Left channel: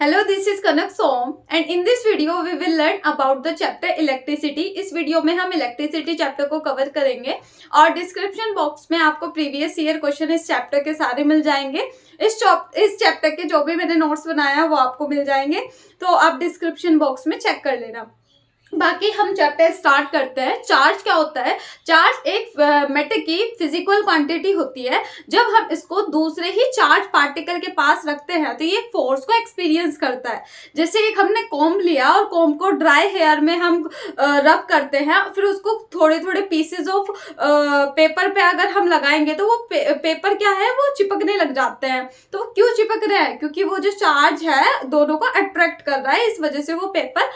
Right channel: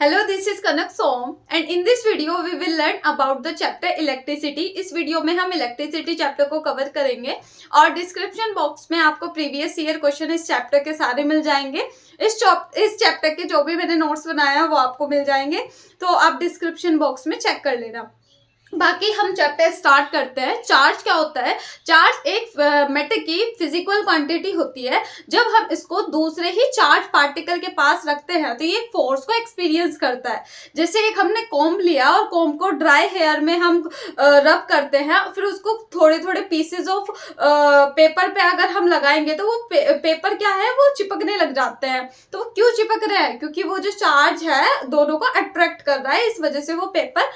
Hello, this is Kanak Som and in this video we will learn about the chapter electricity. इस video में हम electricity chapter को cover करेंगे और description box में आपको प्रीवियस ईयर क्वेश्चन इस चैप्टर के सारे मिल जाएंगे। इस चैप्टर के जो भी मैंने नोट्स बनाया वो आपको मिल जाएंगे, तो आप डिस्क्रिप्शन बॉक्स में चेक कर लेना। बाकी हम चैप्टर स्टार्ट करते हैं। चार्ज क्या होता है? चार्ज एक मैटर की फिजिकल क्वांटिटी होती है। जब हम इसको दूसरे ही चार्ज पार्टिकल के पास रखते हैं तो ये फोर्स को एक्सपीरियंस करता है। जैसे एक हमने कॉम्ब लिया और कॉम्ब को ड्राई हेयर में हम रब करते हैं, फिर उसको थोड़े थोड़े पीसेज ऑफ पेपर पे अगर हम लगाएंगे तो वो पेपर क्या है, वो चिपकने लग जाते हैं। तो वो क्यों चिपक रहे हैं? क्योंकि वो जो चार्ज है दोनों को अट्रैक्ट कर रहा है, इस वजह से वो पेपर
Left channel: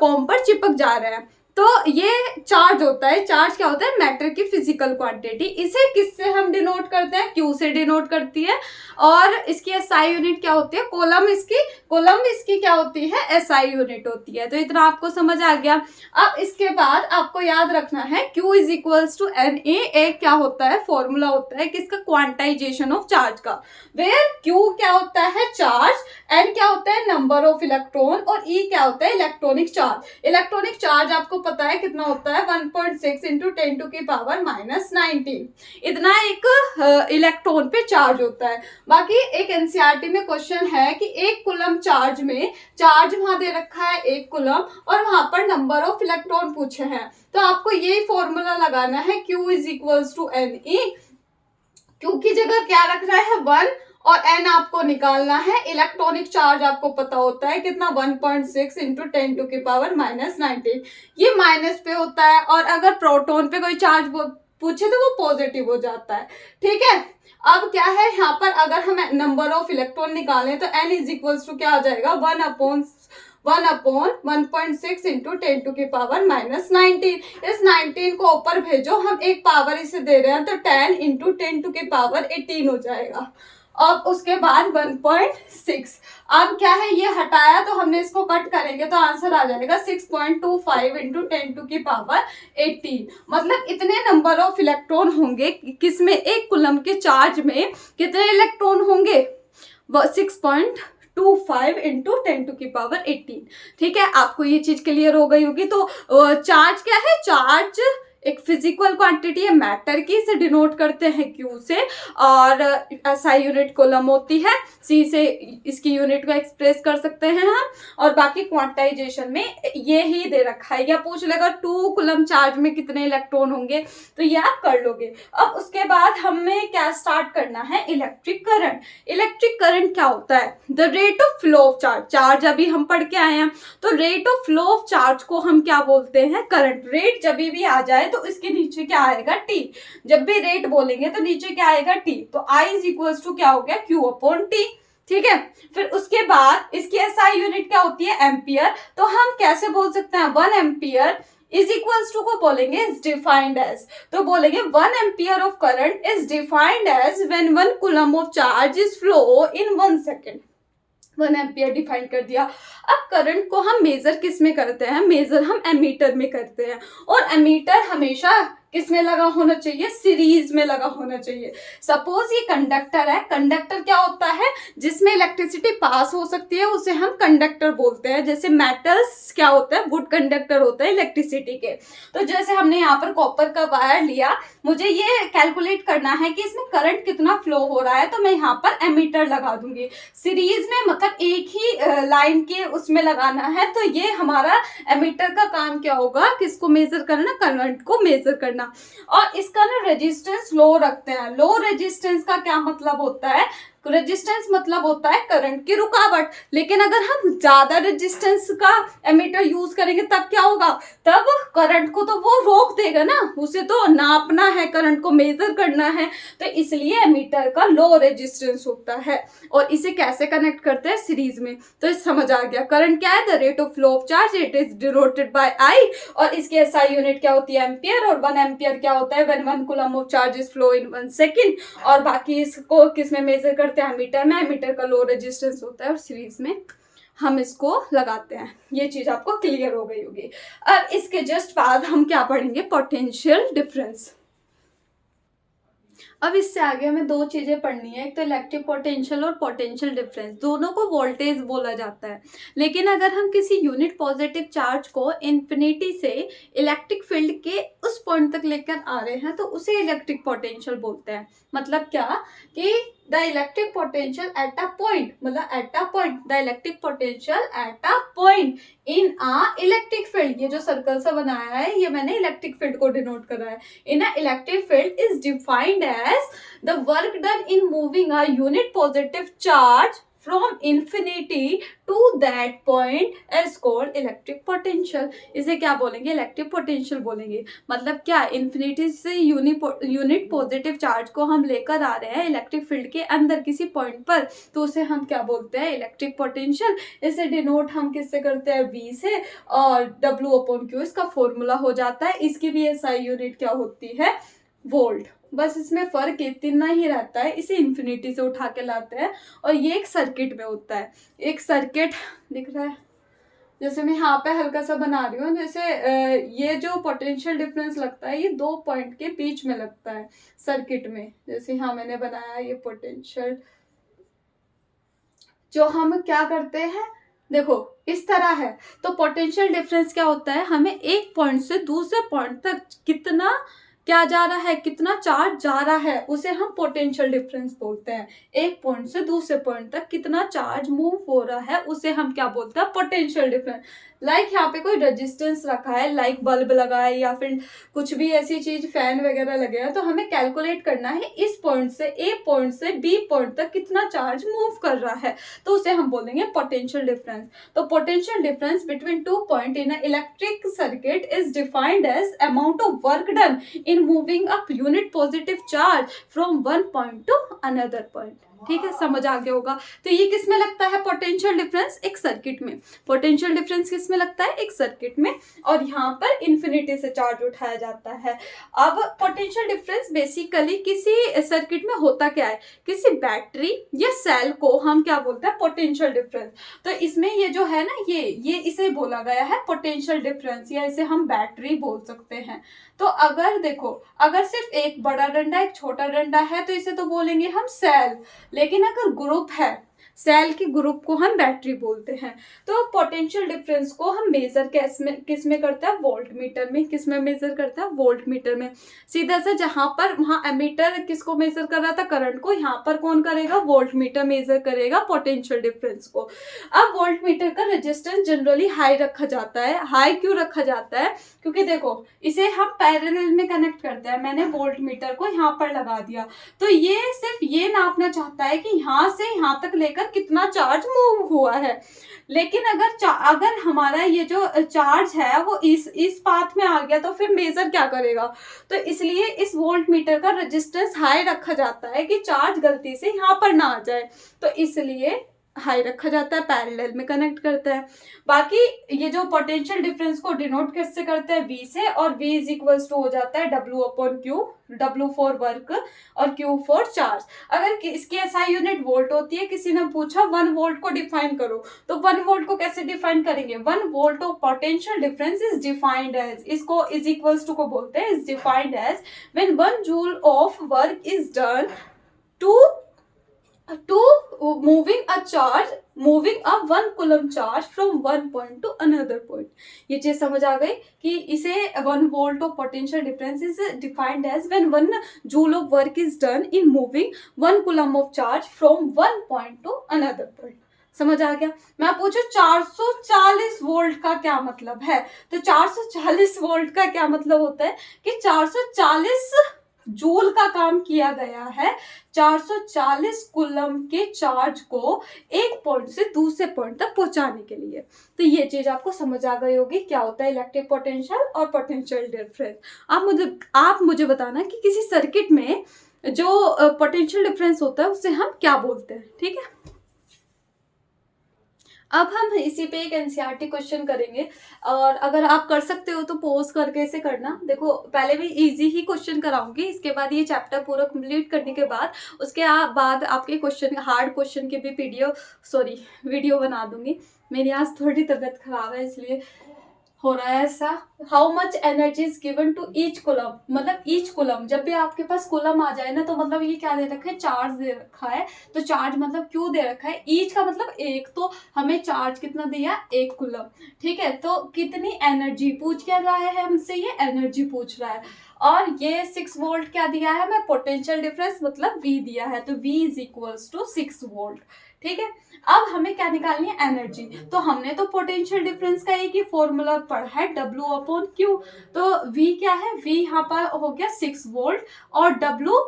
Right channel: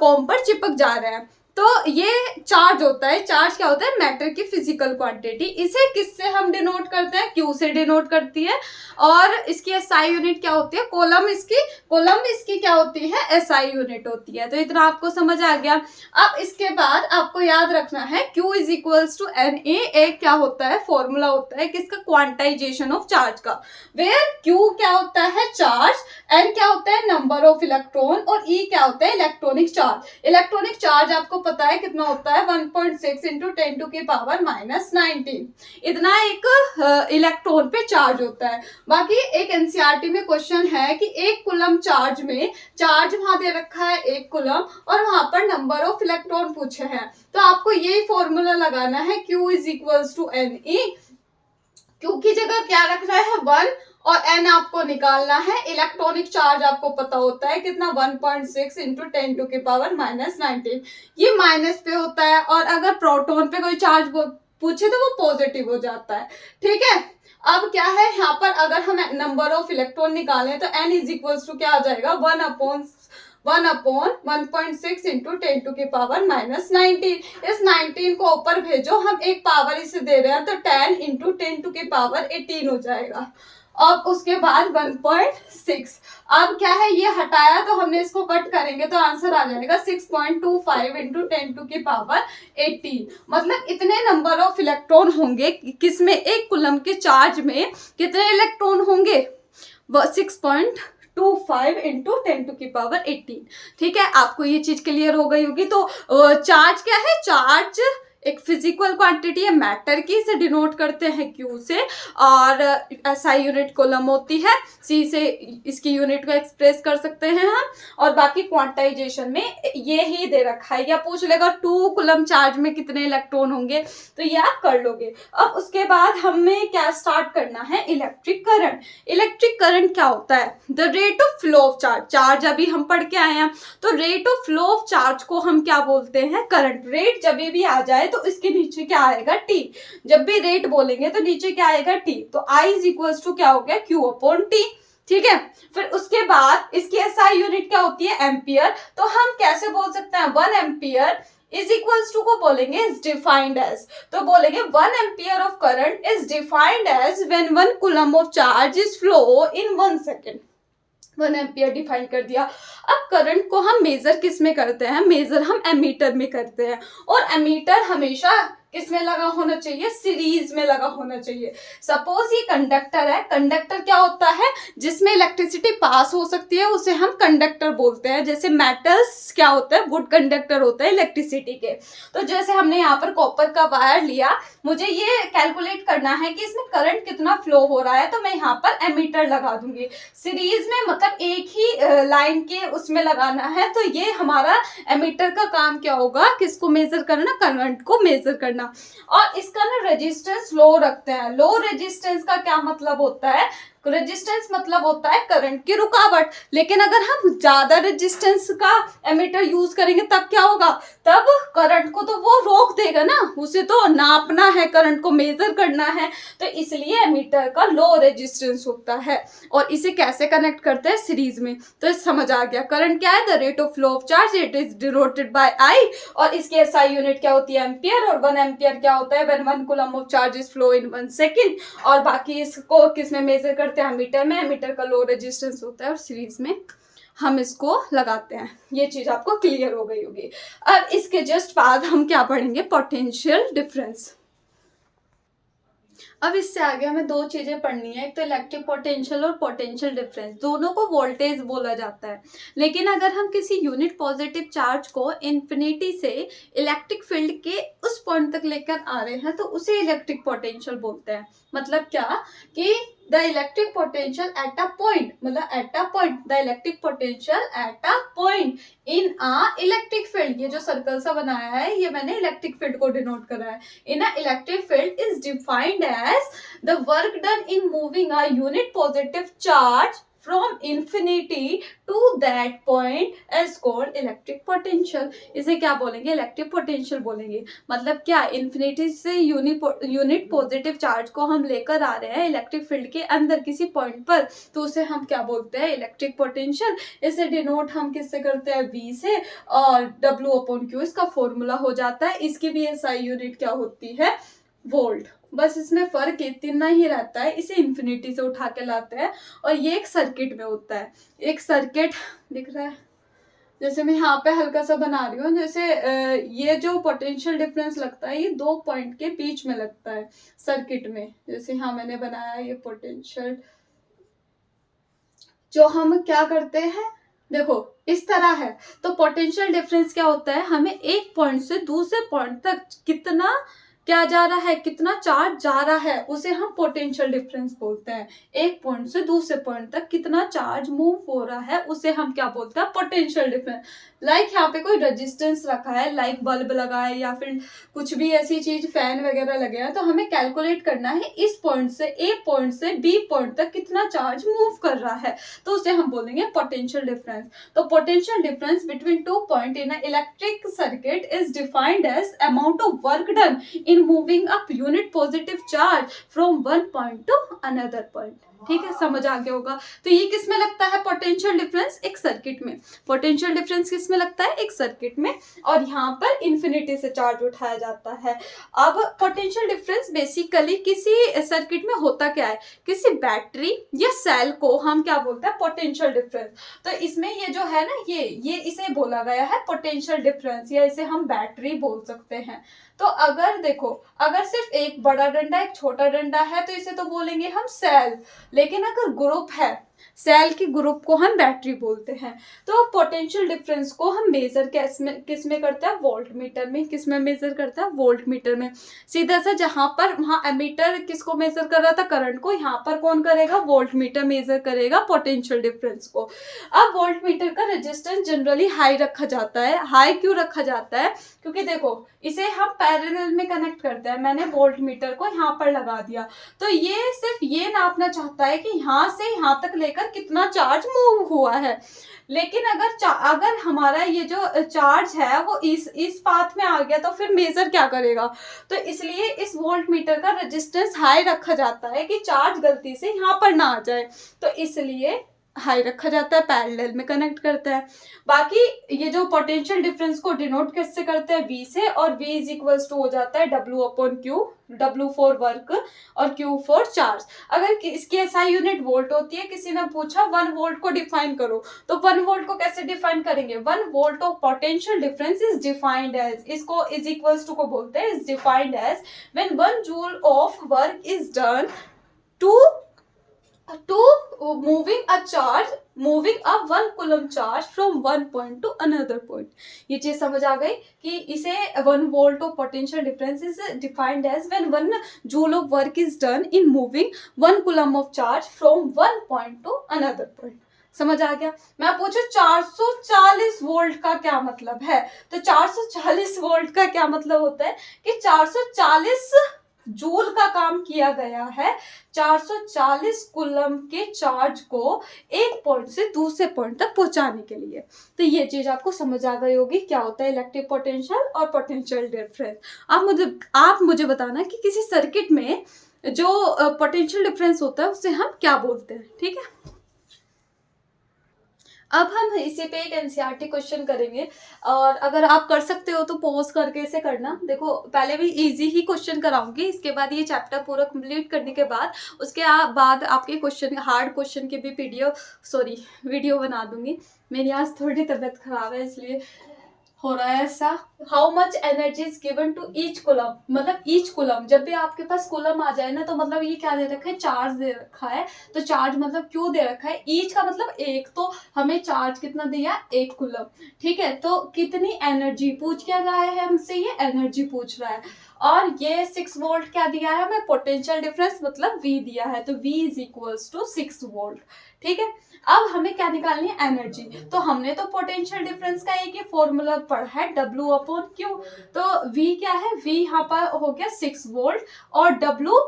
कॉम्ब पर चिपक जा रहे हैं। तो ये चार्ज होता है। चार्ज क्या होता है? मैटर की फिजिकल क्वांटिटी। इसे किससे हम डिनोट करते हैं? क्यू से डिनोट करती है। और इसकी एसआई यूनिट क्या होती है? कोलम इसकी क्या होती है? एसआई यूनिट होती है। तो इतना आपको समझ आ गया। अब इसके बाद आपको याद रखना है Q is equals to N A. क्या होता है? फॉर्मूला होता है किसका? क्वांटाइजेशन ऑफ चार्ज का। वेयर Q क्या होता है? चार्ज, एन क्या होता है? नंबर ऑफ इलेक्ट्रॉन, और ई क्या होता है? Electronic charge. इलेक्ट्रॉनिक चार्ज आपको पता है कितना होता है? 1.6 इंटू 10 टू की पावर -19। इतना एक इलेक्ट्रॉन पे चार्ज होता है। बाकी एक एनसीईआरटी में क्वेश्चन है कि एक कूलम चार्ज में, चार्ज वहां दे रखा है 1 कूलम और वहां पर नंबर ऑफ इलेक्ट्रॉन पूछे हैं, तो आपको यही फॉर्मूला लगाना है Q is equals to N E. Q की जगह क्या रखना है? 1 और n आपको निकालना है। इलेक्ट्रॉनिक चार्ज आपको पता होता है कितना? 1.6 इंटू 10 टू की पावर -19। ये माइनस पे होता है, और अगर प्रोटॉन पे कोई चार्ज पूछे तो वो पॉजिटिव हो जाता है। ठीक है। अब क्या है यहाँ पर? अगर हम नंबर ऑफ इलेक्ट्रॉन निकालें तो n इज इक्वल्स टू क्या आ जाएगा? 1/1.6 इंटू 10 टू की पावर -19। इस 19 को ऊपर भेजो, हम एक पावर इसे दे रहे हैं तो 10 इंटू 10 टू की पावर 18 हो जाएगा। अब उसके बाद 1.6। अब क्या है? ये हटाया तो हमने इसको कट करेंगे तो आंसर आ जाएगा 6.25 इंटू 10 टू की पावर 18। मतलब इतने नंबर ऑफ इलेक्ट्रॉन होंगे किसमें? एक कूलम के चार्ज में कितने इलेक्ट्रॉन होंगे? 6.25 इंटू 10 टू की पावर 18। ठीक है, आपको ये चीज क्लियर हो गई होगी। तो चार्ज क्या है? चार्ज एक फिजिकल क्वांटिटी है मैटर की, इसे डिनोट करते हैं Q से, और एसआई यूनिट कूलम होती है, C से इसकी यूनिट को एक्सप्रेस कर सकते हैं हम। और बाकी क्वांटाइजेशन में ये ही दे रखा है, या पूछ लेगा 2 कूलम चार्ज में कितने इलेक्ट्रॉन होंगे, तो ये आप कर लोगे। अब उसके बाद हमें क्या स्टार्ट करना है? Electric current. इलेक्ट्रिक करंट क्या होता है? The rate of flow of charge. Charge अभी हम पढ़ के आए हैं, तो rate of flow of charge को हम क्या बोलते हैं? करंट। रेट जब भी आ जाए तो इसके नीचे क्या आएगा? T। जब भी रेट बोलेंगे तो नीचे क्या आएगा? T। तो I इज इक्वल्स टू क्या हो गया? Q upon T। ठीक है। फिर उसके बाद इसकी एसआई यूनिट क्या होती है? एम्पियर। तो हम कैसे बोल सकते हैं? 1 एम्पियर इज इक्वल्स टू को बोलेंगे इज डिफाइंड एज, तो बोलेंगे 1 ampere of current is defined as when 1 coulomb of charge is flow in 1 second. 1 ampere define कर दिया। अब करंट को हम मेजर किस में करते हैं? मेजर हम एमीटर में करते हैं, और एमीटर हमेशा किस में लगा होना चाहिए? सीरीज में लगा होना चाहिए। सपोज ये कंडक्टर है। कंडक्टर क्या होता है? जिसमें इलेक्ट्रिसिटी पास हो सकती है उसे हम कंडक्टर बोलते हैं। जैसे मेटल्स क्या होता है? गुड कंडक्टर होता है इलेक्ट्रिसिटी के। तो जैसे हमने यहाँ पर कॉपर का वायर लिया, मुझे ये कैलकुलेट करना है कि इसमें करंट कितना फ्लो हो रहा है, तो मैं यहाँ पर एमीटर लगा दूंगी। सीरीज में मतलब एक ही लाइन के उसमें लगाना है, तो ये हमारा एमीटर का काम क्या होगा? किसको मेजर करना? करंट को मेजर करना। और इसका ना रेजिस्टेंस लो रखते हैं। लो रेजिस्टेंस का क्या मतलब होता है? रेजिस्टेंस मतलब होता है करंट की रुकावट। लेकिन अगर हम ज्यादा रेजिस्टेंस का एमीटर यूज करेंगे तब क्या होगा? तब करंट को तो वो रोक देगा ना, उसे तो नापना है, करंट को मेजर करना है, तो इसलिए एमीटर का लो रेजिस्टेंस होता है। और इसे कैसे कनेक्ट करते हैं? सीरीज में। तो समझ आ गया। करंट क्या है? The rate of flow of charge, it is denoted by I, और इसकी एसआई यूनिट क्या होती है? एम्पियर। और 1 एम्पियर क्या होता है? When 1 coulomb of charge is flow in 1 second. और बाकी इसको किस में मेजर करते हैं? मीटर में। मीटर का लो रेजिस्टेंस होता है, और सीरीज में हम इसको लगाते हैं। ये चीज आपको क्लियर हो गई होगी। अब इसके जस्ट बाद हम क्या पढ़ेंगे? Potential difference. अब इससे आगे हमें दो चीजें पढ़नी है, एक तो इलेक्ट्रिक पोटेंशियल और पोटेंशियल डिफरेंस। दोनों को वोल्टेज बोला जाता है, लेकिन अगर हम किसी यूनिट पॉजिटिव चार्ज को इन्फिनिटी से इलेक्ट्रिक फील्ड के उस पॉइंट तक लेकर आ रहे हैं तो उसे इलेक्ट्रिक पोटेंशियल बोलते हैं। मतलब क्या कि the electric potential at a point, मतलब at a point, the electric potential at a point in a electric field. ये जो सर्कल सा बनाया है ये मैंने इलेक्ट्रिक फील्ड को डिनोट करा है। In a electric field is defined as the work done in moving a unit positive charge from infinity to that point is called electric potential। इसे क्या बोलेंगे? इलेक्ट्रिक पोटेंशियल बोलेंगे। मतलब क्या, इन्फिनिटी से यूनिट पॉजिटिव चार्ज को हम लेकर आ रहे हैं इलेक्ट्रिक फील्ड के अंदर किसी पॉइंट पर, तो उसे हम क्या बोलते हैं? Electric potential. इसे डिनोट हम किससे करते हैं? V से, और W/Q इसका फॉर्मूला हो जाता है। इसकी भी SI यूनिट क्या होती है? वोल्ट। बस इसमें फर्क इतना ही रहता है, इसे इन्फिनिटी से उठा के लाते हैं और ये एक सर्किट में होता है। एक सर्किट दिख रहा है, जैसे मैं यहाँ पे हल्का सा बना रही हूँ, जैसे ये जो पोटेंशियल डिफरेंस लगता है ये दो पॉइंट के बीच में लगता है सर्किट में। जैसे यहाँ मैंने बनाया ये पोटेंशियल, जो हम क्या करते हैं, देखो इस तरह है। तो पोटेंशियल डिफरेंस क्या होता है? हमें एक पॉइंट से दूसरे पॉइंट तक कितना क्या जा रहा है, कितना चार्ज जा रहा है, उसे हम पोटेंशियल डिफरेंस बोलते हैं। एक पॉइंट से दूसरे पॉइंट तक कितना चार्ज मूव हो रहा है उसे हम क्या बोलते हैं? Potential difference. लाइक यहाँ पे कोई रेजिस्टेंस रखा है, लाइक बल्ब लगा है या फिर कुछ भी ऐसी चीज, फैन वगैरह लगे हैं, तो हमें कैलकुलेट करना है इस पॉइंट से ए पॉइंट से बी पॉइंट तक कितना चार्ज मूव कर रहा है, तो उसे हम बोलेंगे पोटेंशियल डिफरेंस। तो potential difference between two point in a electric circuit is defined as amount of work done in moving a unit positive charge from one point to another point. ठीक है, समझ आ गया होगा। तो ये किस में लगता है पोटेंशियल डिफरेंस? एक सर्किट में। पोटेंशियल डिफरेंस किस में लगता है? एक सर्किट में। और यहाँ पर इन्फिनिटी से चार्ज उठाया जाता है। अब पोटेंशियल डिफरेंस बेसिकली किसी सर्किट में होता क्या है? किसी बैटरी या सेल को हम क्या बोलते हैं? Potential difference. तो इसमें ये जो है ना, ये इसे बोला गया है पोटेंशियल डिफरेंस, या इसे हम बैटरी बोल सकते हैं। तो अगर देखो, अगर सिर्फ एक बड़ा डंडा एक छोटा डंडा है तो इसे तो बोलेंगे हम सेल, लेकिन अगर ग्रुप है, सेल की ग्रुप को हम बैटरी बोलते हैं। तो पोटेंशियल डिफरेंस को हम मेजर किस में करते हैं? वोल्ट मीटर में। किस में मेजर करते हैं? वोल्ट मीटर में। सीधा सा जहां पर वहां एमीटर किसको मेजर कर रहा था? करंट को। यहाँ पर कौन करेगा? वोल्ट मीटर मेजर करेगा पोटेंशियल डिफरेंस को। अब वोल्ट मीटर का रेजिस्टेंस जनरली हाई रखा जाता है। हाई क्यों रखा जाता है? क्योंकि देखो इसे हम पैरेलल में कनेक्ट करते हैं। मैंने वोल्ट मीटर को यहाँ पर लगा दिया, तो ये सिर्फ ये नापना चाहता है कि यहाँ से यहाँ तक लेकर कितना चार्ज मूव हुआ है। लेकिन अगर हमारा ये जो चार्ज है वो इस पाथ में आ गया तो फिर मेजर क्या करेगा? तो इसलिए इस वोल्ट मीटर का रेजिस्टेंस हाई रखा जाता है कि चार्ज गलती से यहाँ पर ना आ जाए, तो इसलिए हाई रखा जाता है, पैरेलल में कनेक्ट करता है। बाकी ये जो पोटेंशियल डिफरेंस को डिनोट कैसे करते हैं? V से, और V इज इक्वल्स टू हो जाता है W/Q, W फॉर वर्क और Q फॉर चार्ज। अगर इसकी SI यूनिट वोल्ट होती है, किसी ने पूछा 1 वोल्ट को डिफाइन करो, तो 1 वोल्ट को कैसे डिफाइन करेंगे? 1 volt of potential difference is defined as, इसको इज इक्वल्स टू को बोलते हैं, is defined as when 1 joule of work is done to moving a 1 coulomb charge from one point to another point। ये चीज समझ आ गई कि इसे 1 volt of potential difference is defined as when 1 joule of work is done in moving 1 coulomb of charge from one point to another point। समझ आ गया? मैं पूछू 440 वोल्ट का क्या मतलब है? तो 440 वोल्ट का क्या मतलब होता है कि 440 जूल का काम किया गया है 440 कूलम के चार्ज को एक पॉइंट से दूसरे पॉइंट तक पहुंचाने के लिए। तो ये चीज आपको समझ आ गई होगी क्या होता है इलेक्ट्रिक पोटेंशियल और पोटेंशियल डिफरेंस। आप मुझे बताना कि किसी सर्किट में जो पोटेंशियल डिफरेंस होता है उससे हम क्या बोलते हैं। ठीक है, अब हम इसी पे एक एनसीईआरटी क्वेश्चन करेंगे, और अगर आप कर सकते हो तो पॉज करके इसे करना। देखो पहले भी इजी ही क्वेश्चन कराऊंगी, इसके बाद ये चैप्टर पूरा कंप्लीट करने के बाद उसके बाद आपके क्वेश्चन, हार्ड क्वेश्चन की भी वीडियो बना दूंगी। मेरी आज थोड़ी तबीयत खराब है इसलिए हो रहा है ऐसा। How much energy is given to each coulomb, मतलब ईच कुलम, जब भी आपके पास कुलम आ जाए ना तो मतलब ये क्या दे रखा है, चार्ज दे रखा है। तो चार्ज मतलब क्यों दे रखा है, ईच का मतलब एक, तो हमें चार्ज कितना दिया, एक कुलम। ठीक है, तो कितनी एनर्जी पूछ क्या रहा है हमसे, ये एनर्जी पूछ रहा है। और ये 6 वोल्ट क्या दिया है हमें, पोटेंशियल डिफरेंस मतलब V दिया है, तो V is equals to 6 volt. ठीक है, अब हमें क्या निकालनी है, एनर्जी। तो हमने तो पोटेंशियल डिफरेंस का एक ही फॉर्मूला पढ़ा है, W/Q। तो V क्या है, V यहाँ पर हो गया 6 वोल्ट, और W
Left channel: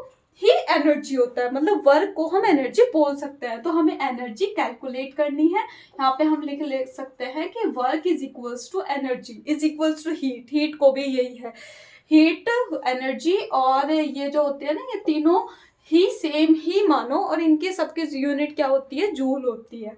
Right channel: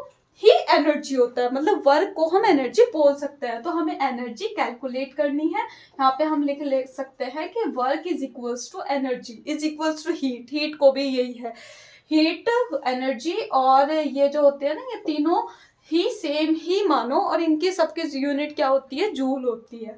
ही एनर्जी होता है, मतलब वर्क को हम एनर्जी बोल सकते हैं। तो हमें एनर्जी कैलकुलेट करनी है। यहाँ पे हम लिख सकते हैं कि work is equals to energy is equals to heat, heat को भी यही है, हीट, एनर्जी, और ये जो होते हैं ना, ये तीनों ही सेम ही मानो, और इनकी सबकी यूनिट क्या होती है, जूल होती है।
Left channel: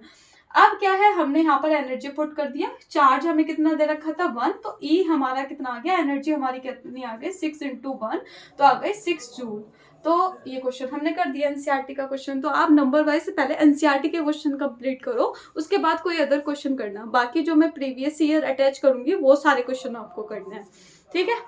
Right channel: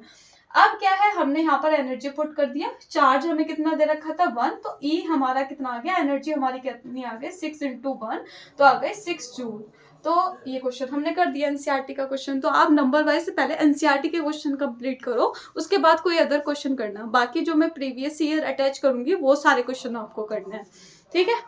अब क्या है, हमने यहाँ पर एनर्जी पुट कर दिया, चार्ज हमें कितना दे रखा था 1, तो E हमारा कितना आ गया, एनर्जी हमारी कितनी आ गई, 6 × 1, तो आ गए 6 जूल। तो ये क्वेश्चन हमने कर दिया, एनसीईआरटी का क्वेश्चन। तो आप नंबर वाइज पहले एनसीईआरटी के क्वेश्चन कंप्लीट करो, उसके बाद कोई अदर क्वेश्चन करना, बाकी जो मैं प्रीवियस ईयर अटैच करूंगी वो सारे क्वेश्चन आपको करना है। ठीक है,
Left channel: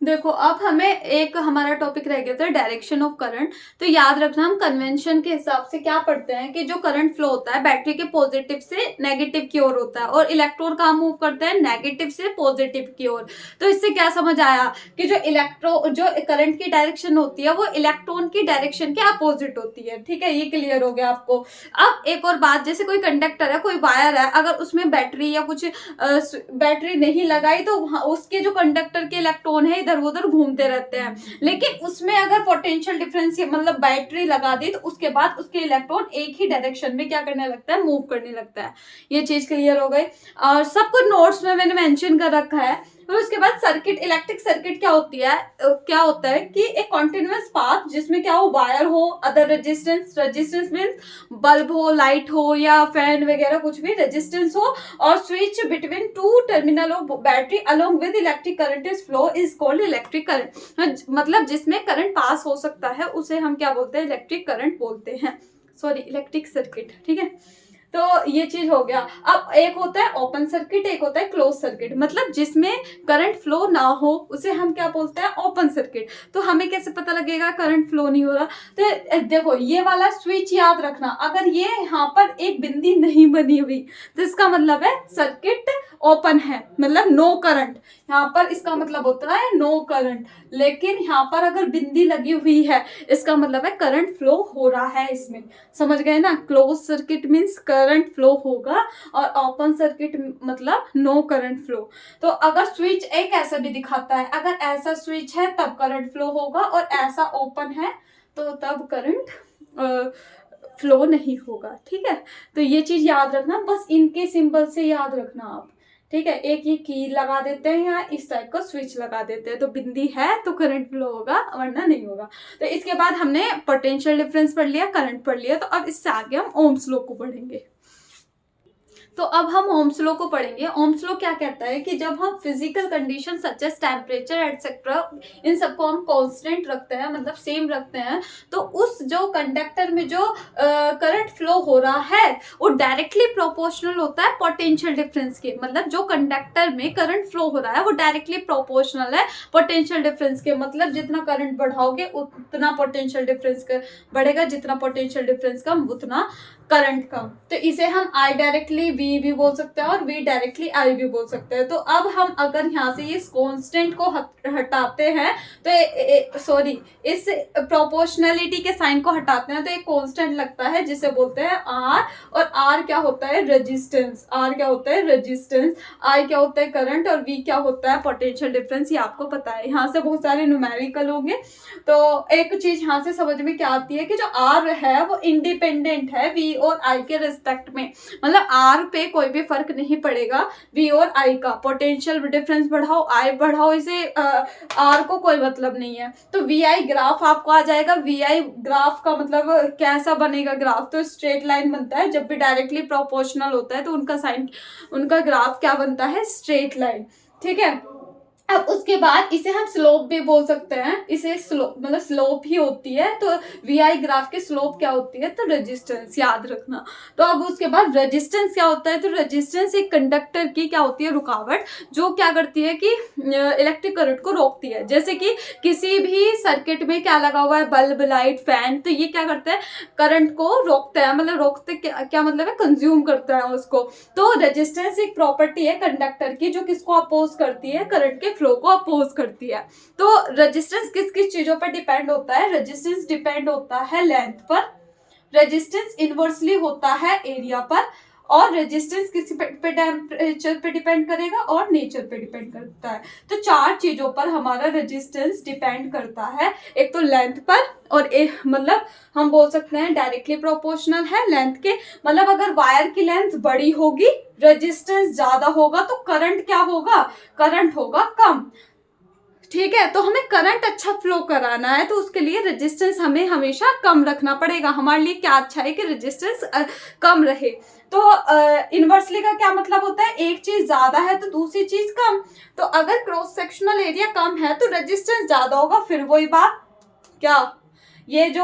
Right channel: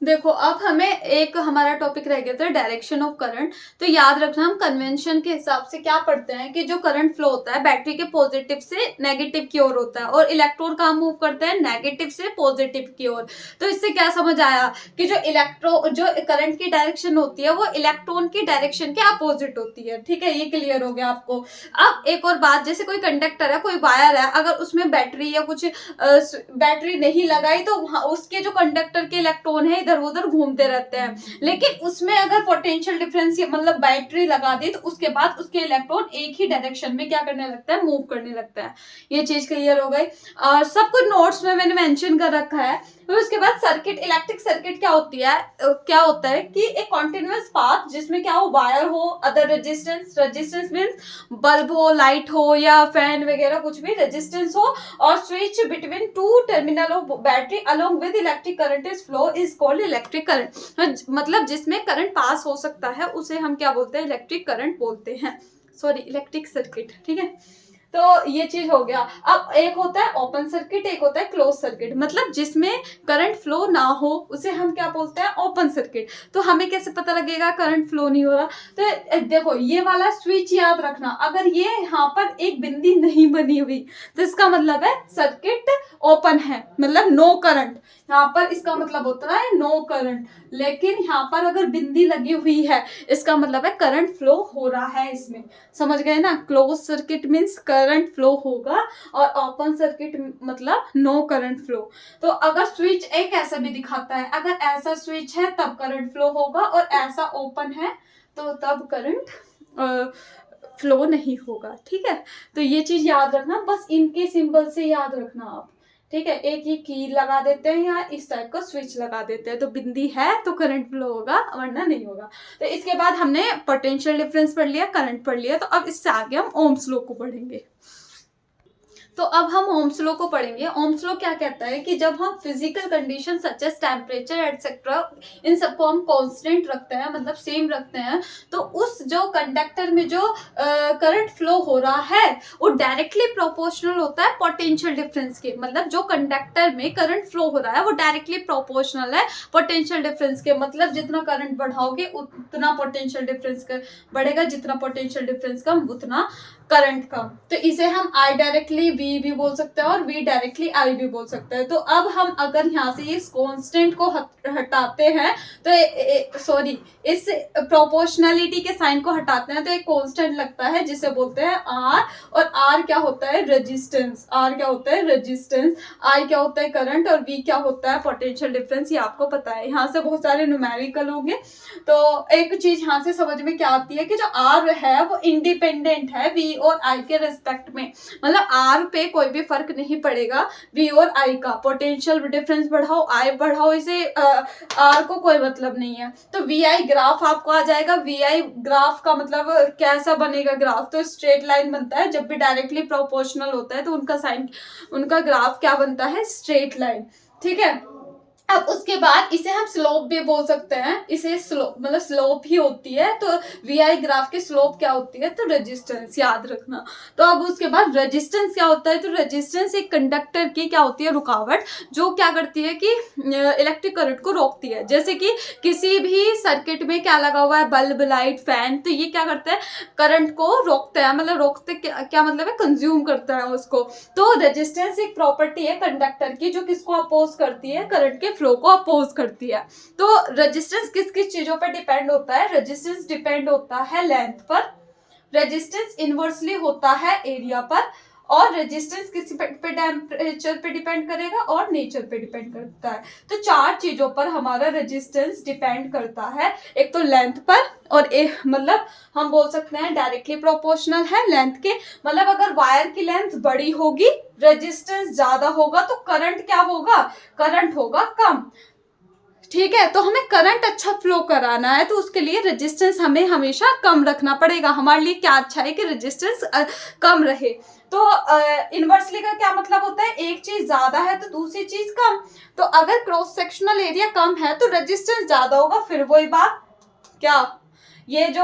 देखो अब हमें एक हमारा टॉपिक रह गया था डायरेक्शन ऑफ करंट। तो याद रखना, हम कन्वेंशन के हिसाब से क्या पढ़ते हैं कि जो करंट फ्लो होता है बैटरी के पॉजिटिव से नेगेटिव की ओर होता है, और इलेक्ट्रॉन कहाँ मूव करते हैं, नेगेटिव से पॉजिटिव की ओर। तो इससे क्या समझ आया कि जो करंट की डायरेक्शन होती है वो इलेक्ट्रॉन की डायरेक्शन के अपोजिट होती है। ठीक है, ये क्लियर हो गया आपको। अब एक और बात, जैसे कोई कंडक्टर है, कोई वायर है, अगर उसमें बैटरी या कुछ बैटरी नहीं लगाई तो उसके जो कंडक्टर के इलेक्ट्रॉन है इधर उधर घूमते रहते हैं, लेकिन उसमें अगर पोटेंशियल डिफरेंस मतलब बैटरी लगा दी तो उसके बाद उसके इलेक्ट्रॉन एक ही डायरेक्शन में क्या करने लगता है, मूव करने लगता है। ये चीज क्लियर हो गई, और सब कुछ नोट्स में मैंने मेंशन कर रखा है। फिर उसके बाद सर्किट, इलेक्ट्रिक सर्किट क्या होती है, क्या होता है कि एक कॉन्टिन्यूअस पाथ जिसमें क्या हो, वायर हो, other resistance, resistance means bulb हो, लाइट हो, या फैन वगैरह कुछ भी रेजिस्टेंस हो, और switch between two terminal of battery along with electric current is flow is called electric current. मतलब जिसमें करंट पास हो सकता है उसे हम क्या बोलते हैं, इलेक्ट्रिक करंट बोलते हैं, सॉरी इलेक्ट्रिक सर्किट। ठीक है, तो ये चीज हो गया। अब एक होता है ओपन सर्किट, एक होता है क्लोज सर्किट, मतलब जिसमें करंट फ्लो ना हो उसे हम क्या बोलते हैं, ओपन सर्किट। तो हमें कैसे पता लगेगा करंट फ्लो नहीं हो रहा, तो देखो ये वाला स्विच याद रखना, अगर ये यहाँ पर एक बिंदी नहीं बनी हुई तो इसका मतलब है सर्किट ओपन है, मतलब नो करंट। यहाँ पर इसका मतलब होता है नो करंट, लेकिन यहाँ पर अगर बिंदी लगी हुई है इसका मतलब है करंट फ्लो हो रहा है इसमें। समझ गए ना, close circuit means current flow होगा, और ओपन सर्किट मतलब नो करंट फ्लो। तो अगर स्विच एक ऐसा भी दिखाता है, अगर ऐसा स्विच है तब करंट फ्लो होगा, और ऐसा ओपन है तो तब करंट फ्लो नहीं होगा। ठीक है, तो ये चीज याद रखना, बस इनके सिंबल से याद रखना आप। ठीक है, एक ये की लगा देते हैं या इस टाइप का स्विच लगा देते हैं, तो बिंदी है तो करंट फ्लो होगा, वरना नहीं होगा। तो इसके बाद हमने पोटेंशियल डिफरेंस पढ़ लिया, करंट पढ़ लिया, तो अब इससे आगे हम ओम्स लॉ को पढ़ेंगे। तो अब हम ओम्स लॉ को पढ़ेंगे। ओम्स लॉ क्या कहता है कि जब हम physical condition such as temperature etcetera इन सबको हम कांस्टेंट रखते हैं, मतलब सेम रखते हैं, तो उस जो कंडक्टर में जो करंट फ्लो हो रहा है वो डायरेक्टली प्रोपोर्शनल होता है पोटेंशियल डिफरेंस के। मतलब जो कंडक्टर में करंट फ्लो हो रहा है वो डायरेक्टली प्रोपोर्शनल है पोटेंशियल डिफरेंस के, मतलब जितना करंट बढ़ाओगे उतना पोटेंशियल डिफरेंस बढ़ेगा, जितना पोटेंशियल डिफरेंस कम उतना करंट का। तो इसे हम I डायरेक्टली V भी बोल सकते हैं और V डायरेक्टली I भी बोल सकते हैं। तो अब हम अगर यहाँ से इस कांस्टेंट को हटाते हैं तो सॉरी इस प्रोपोर्शनलिटी के साइन को हटाते हैं तो एक कांस्टेंट लगता है जिसे बोलते हैं R, और R क्या होता है, रेजिस्टेंस। R क्या होता है, रेजिस्टेंस। I क्या होता है, करंट, और V क्या होता है, पोटेंशियल डिफरेंस। ये आपको पता है, यहाँ से बहुत सारे न्यूमेरिकल होंगे। तो एक चीज यहाँ से समझ में क्या आती है कि जो R है वो इंडिपेंडेंट है V और I के रिस्पेक्ट में, मतलब R पे कोई भी फर्क नहीं पड़ेगा V और I का। पोटेंशियल डिफरेंस बढ़ाओ I बढ़ाओ, इसे R को कोई मतलब नहीं है। तो VI ग्राफ आपको आ जाएगा। VI ग्राफ का मतलब कैसा बनेगा ग्राफ, तो स्ट्रेट लाइन बनता है। जब भी डायरेक्टली प्रोपोर्शनल होता है तो उनका साइन, उनका ग्राफ क्या बनता है, स्ट्रेट लाइन। ठीक है, अब उसके बाद इसे हम स्लोप भी बोल सकते हैं, इसे स्लोप मतलब स्लोप ही होती है। तो वीआई ग्राफ की स्लोप क्या होती है, तो रेजिस्टेंस, याद रखना। तो अब उसके बाद रेजिस्टेंस क्या होता है, तो रेजिस्टेंस एक कंडक्टर की क्या होती है, रुकावट, जो क्या करती है कि इलेक्ट्रिक करंट को रोकती है। जैसे कि किसी भी सर्किट में क्या लगा हुआ है, बल्ब, लाइट, फैन, तो ये क्या करते हैं, करंट को रोकते हैं, मतलब रोकते क्या मतलब है, कंज्यूम करता है उसको। तो रेजिस्टेंस एक प्रॉपर्टी है कंडक्टर की, जो किसको अपोज करती है, करंट के फ्लो को अपोज करती है। तो रेजिस्टेंस किस किस चीजों पर डिपेंड होता है, रेजिस्टेंस डिपेंड होता है लेंथ पर, रेजिस्टेंस इनवर्सली होता है एरिया पर, और रेजिस्टेंस किसी पे टेम्परेचर पे डिपेंड करेगा और नेचर पे डिपेंड करता है। तो 4 चीजों पर हमारा रेजिस्टेंस डिपेंड करता है। एक तो लेंथ पर, और एक मतलब हम बोल सकते हैं डायरेक्टली प्रोपोर्शनल है लेंथ के, मतलब अगर वायर की लेंथ बड़ी होगी, रेजिस्टेंस ज्यादा होगा, तो करंट क्या होगा, करंट होगा कम। ठीक है, तो हमें करंट अच्छा फ्लो कराना है, तो उसके लिए रेजिस्टेंस हमें हमेशा कम रखना पड़ेगा। हमारे लिए क्या अच्छा है कि रेजिस्टेंस कम रहे। तो इनवर्सली का क्या मतलब होता है, एक चीज ज्यादा है तो दूसरी चीज कम। तो अगर क्रॉस सेक्शनल एरिया कम है तो रेजिस्टेंस ज्यादा होगा, फिर वही बात, क्या ये जो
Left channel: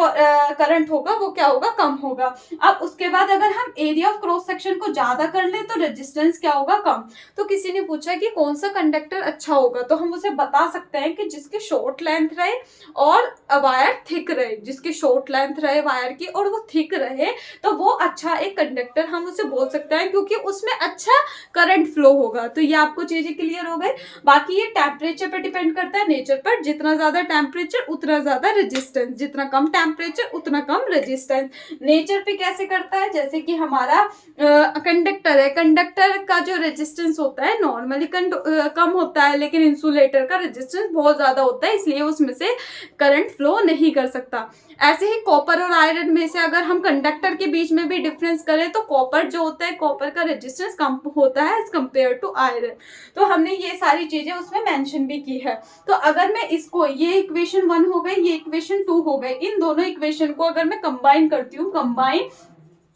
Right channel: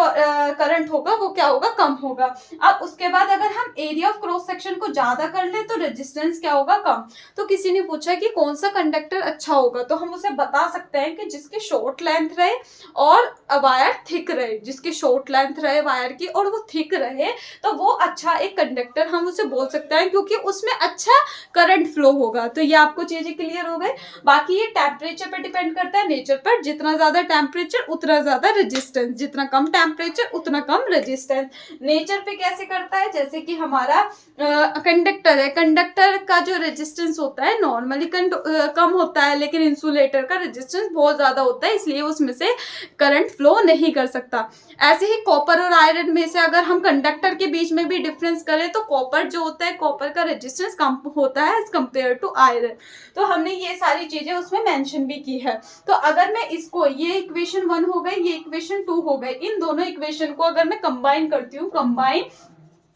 करंट होगा वो क्या होगा, कम होगा। अब उसके बाद अगर हम एरिया ऑफ क्रॉस सेक्शन को ज्यादा कर लें तो रेजिस्टेंस क्या होगा, कम। तो किसी ने पूछा कि कौन सा कंडक्टर अच्छा होगा, तो हम उसे बता सकते हैं कि जिसकी शॉर्ट लेंथ रहे और वायर थिक रहे, जिसकी शॉर्ट लेंथ रहे वायर की और वो थिक रहे, तो वो अच्छा एक कंडक्टर हम उसे बोल सकते हैं, क्योंकि उसमें अच्छा करंट फ्लो होगा। तो ये आपको चीजें क्लियर हो गई। बाकी ये टेम्परेचर पे डिपेंड करता है, नेचर पर, जितना ज्यादा टेम्परेचर उतना ज्यादा रेजिस्टेंस, जितना कम टेम्परेचर उतना कम रेजिस्टेंस। नेचर पे कैसे करता है, जैसे कि हमारा कंडक्टर है, कंडक्टर का जो रेजिस्टेंस होता है नॉर्मली कम होता है, लेकिन इंसुलेटर का रेजिस्टेंस बहुत ज्यादा होता है, इसलिए उसमें से करंट फ्लो नहीं कर सकता। ऐसे ही कॉपर और आयरन में से अगर हम कंडक्टर के बीच में भी डिफरेंस करें, तो कॉपर जो होता है, कॉपर का रेजिस्टेंस कम होता है एज कम्पेयर टू आयरन। तो हमने ये सारी चीजें उसमें मेंशन भी की है। तो अगर मैं इसको, ये इक्वेशन 1 हो गई, ये इक्वेशन 2 हो गई, इन दोनों इक्वेशन को अगर मैं कंबाइन करती हूँ, कंबाइन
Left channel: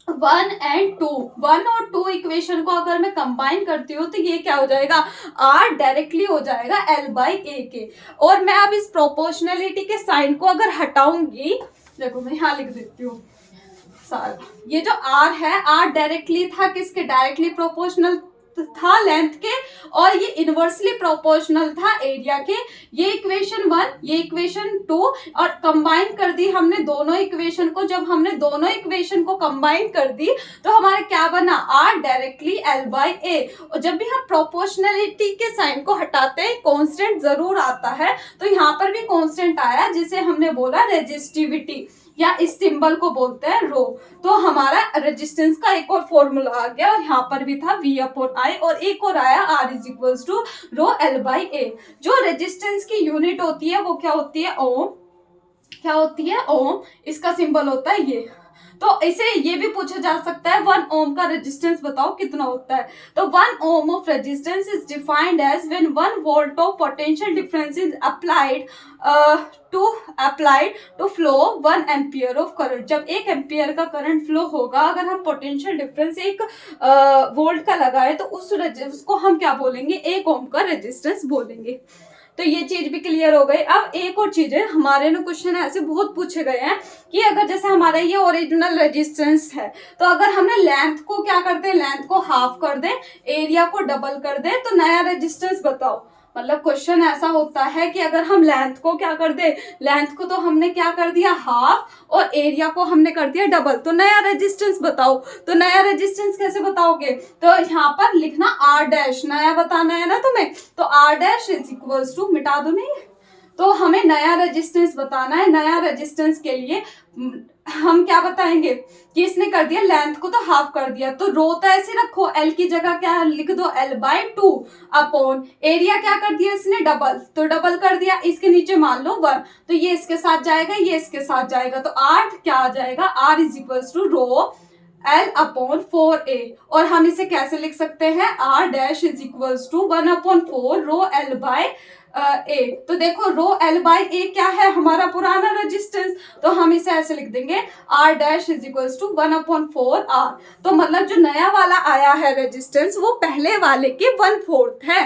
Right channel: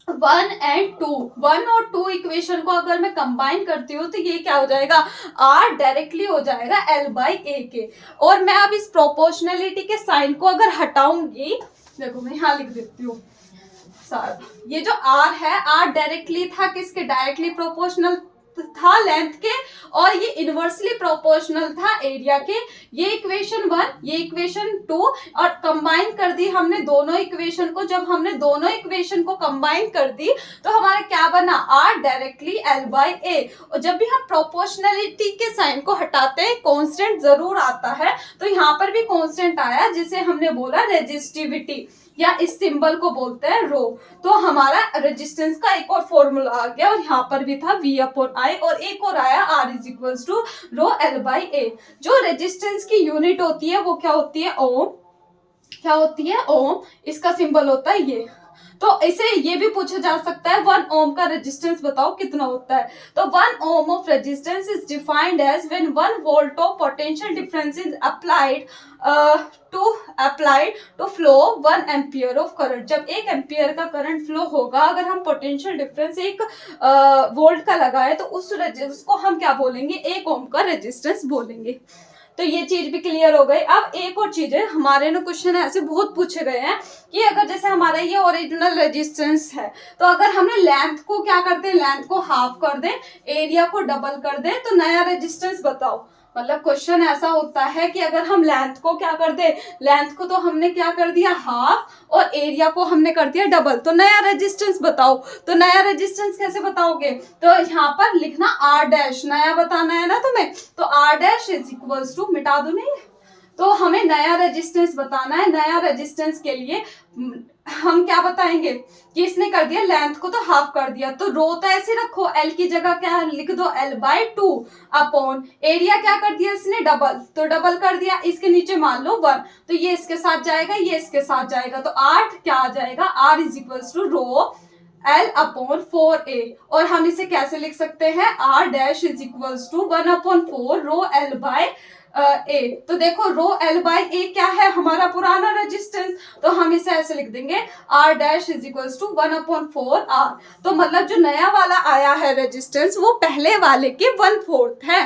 1 एंड 2, 1 और 2 इक्वेशन को अगर मैं कंबाइन करती हूँ, तो ये क्या हो जाएगा, R डायरेक्टली हो जाएगा L बाई A के। और मैं अब इस प्रोपोर्शनलिटी के साइन को अगर हटाऊंगी, देखो मैं यहाँ लिख देती हूँ सारा, ये जो R है, R डायरेक्टली था किसके, डायरेक्टली प्रोपोर्शनल था लेंथ के, और ये इनवर्सली प्रोपोर्शनल था एरिया के। ये इक्वेशन 1, ये इक्वेशन 2, और कंबाइन कर दी हमने दोनों इक्वेशन को। जब हमने दोनों इक्वेशन को कंबाइन कर दी तो हमारा क्या बना, R directly L by A। और जब भी हम प्रोपोर्शनलिटी के साइन को हटाते हैं, कांस्टेंट जरूर आता है, तो यहाँ पर भी कांस्टेंट आया, जिसे हमने बोला रेजिस्टिविटी, या इस सिंबल को बोलते हैं रो। तो हमारा रेजिस्टेंस का एक और फॉर्मूला आ गया, और यहाँ पर भी था V अपॉन I, और एक और आया R is equals to rho L by A। जो रेजिस्टेंस की यूनिट होती है वो क्या होती है, ओम। क्या होती है, ओम। इसका सिंबल होता है ये। तो इसे ये भी पूछा जा सकता है 1 ओम का रेजिस्टेंस बताओ कितना होता है। तो 1 ohm of resistance is defined as when 1 volt of potential difference is applied to flow 1 ampere of current. जब 1 एम्पियर का करंट फ्लो होगा, अगर हम पोटेंशियल डिफरेंस 1 वोल्ट का लगाए, तो उसको हम क्या बोलेंगे, 1 ओम का रेजिस्टेंस बोलेंगे। तो ये चीज भी क्लियर हो गई। अब एक और चीज है, हमारे ना क्वेश्चन ऐसे बहुत पूछे गए हैं कि अगर जैसे हमारा ये ओरिजिनल रेजिस्टेंस है, तो अगर हमने लेंथ को क्या कर दें, लेंथ को हाफ कर दें, एरिया को डबल कर दें, तो नया रेजिस्टेंस बताओ। मतलब क्वेश्चन ऐसा होता है कि अगर हम लेंथ को क्या कर दे, लेंथ को तो हमने क्या कर दिया हाफ, और एरिया को हमने कर दिया डबल, तो नया रेजिस्टेंस बताओ। तो नया रेजिस्टेंस कैसे बताओगे, तो यहाँ पर लिखना R डैश, नया बताना है ना तुम्हें, तो R dash is equals to, मिटा दो नहीं, तो हमें नया रेजिस्टेंस बताना है। नया रेजिस्टेंस के लिए हम क्या बताएंगे कि इसने कर दिया लेंथ को तो हाफ कर दिया, तो रो तो ऐसे रखो, L की जगह क्या लिख दो, L बाई 2 अपॉन एरिया क्या कर दिया इसने, डबल, तो डबल कर दिया, इसके नीचे मान लो 1, तो ये इसके साथ जाएगा, ये इसके साथ जाएगा, तो 8 क्या आ जाएगा, R is equals to rho L upon 4A। और हम इसे कैसे लिख सकते हैं, R dash is equals to 1 upon 4 rho L by A। तो देखो रो L बाई A क्या है, हमारा पुराना रेजिस्टेंस, तो हम इसे ऐसे लिख देंगे R dash is equals to 1 upon 4 R। तो मतलब जो नया वाला आया है रेजिस्टेंस, वो पहले वाले के 1/4 है।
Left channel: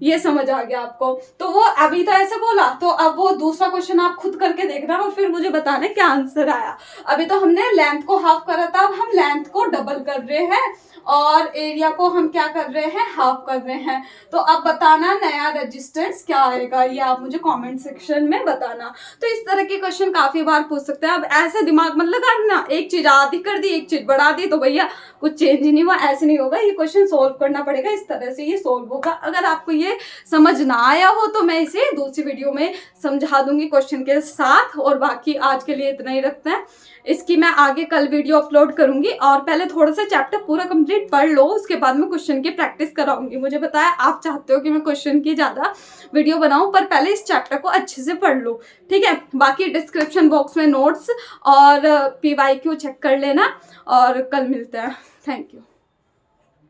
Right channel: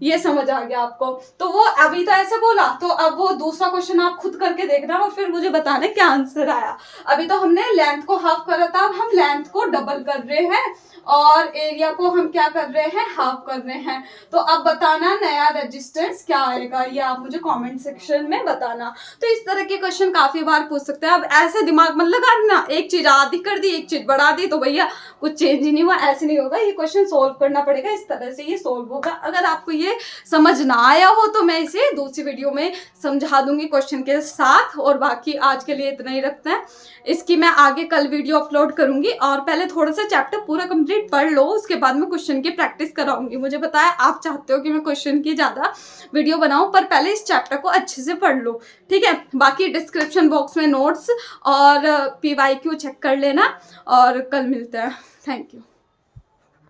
ये समझ आ गया आपको। तो वो अभी तो ऐसे बोला, तो अब वो दूसरा क्वेश्चन आप खुद करके देखना और फिर मुझे बताना क्या आंसर आया। अभी तो हमने लेंथ को हाफ करा था, अब हम लेंथ को डबल कर रहे हैं और एरिया को हम क्या कर रहे हैं, हाफ कर रहे हैं। तो अब बताना नया रेजिस्टेंस क्या आएगा, ये आप मुझे कमेंट सेक्शन में बताना। तो इस तरह के क्वेश्चन काफी बार पूछ सकते हैं। अब ऐसे दिमाग मत लगाना, एक चीज आधी कर दी एक चीज बढ़ा दी तो भैया कुछ चेंज ही नहीं हुआ, ऐसे नहीं होगा। ये क्वेश्चन सोल्व करना पड़ेगा, इस तरह से ये सोल्व होगा। अगर आपको ये समझ ना आया हो तो मैं इसे दूसरी वीडियो में समझा दूंगी क्वेश्चन के साथ। और बाकी आज के लिए इतना ही रखते हैं, इसकी मैं आगे कल वीडियो अपलोड करूंगी। और पहले थोड़ा सा चैप्टर पूरा कंप्लीट पढ़ लो, उसके बाद मैं क्वेश्चन की प्रैक्टिस कराऊंगी। मुझे बताया आप चाहते हो कि मैं क्वेश्चन की ज़्यादा वीडियो बनाऊं, पर पहले इस चैप्टर को अच्छे से पढ़ लो, ठीक है। बाकी डिस्क्रिप्शन बॉक्स में नोट्स और PYQ चेक कर लेना और कल मिलते हैं। Thank you.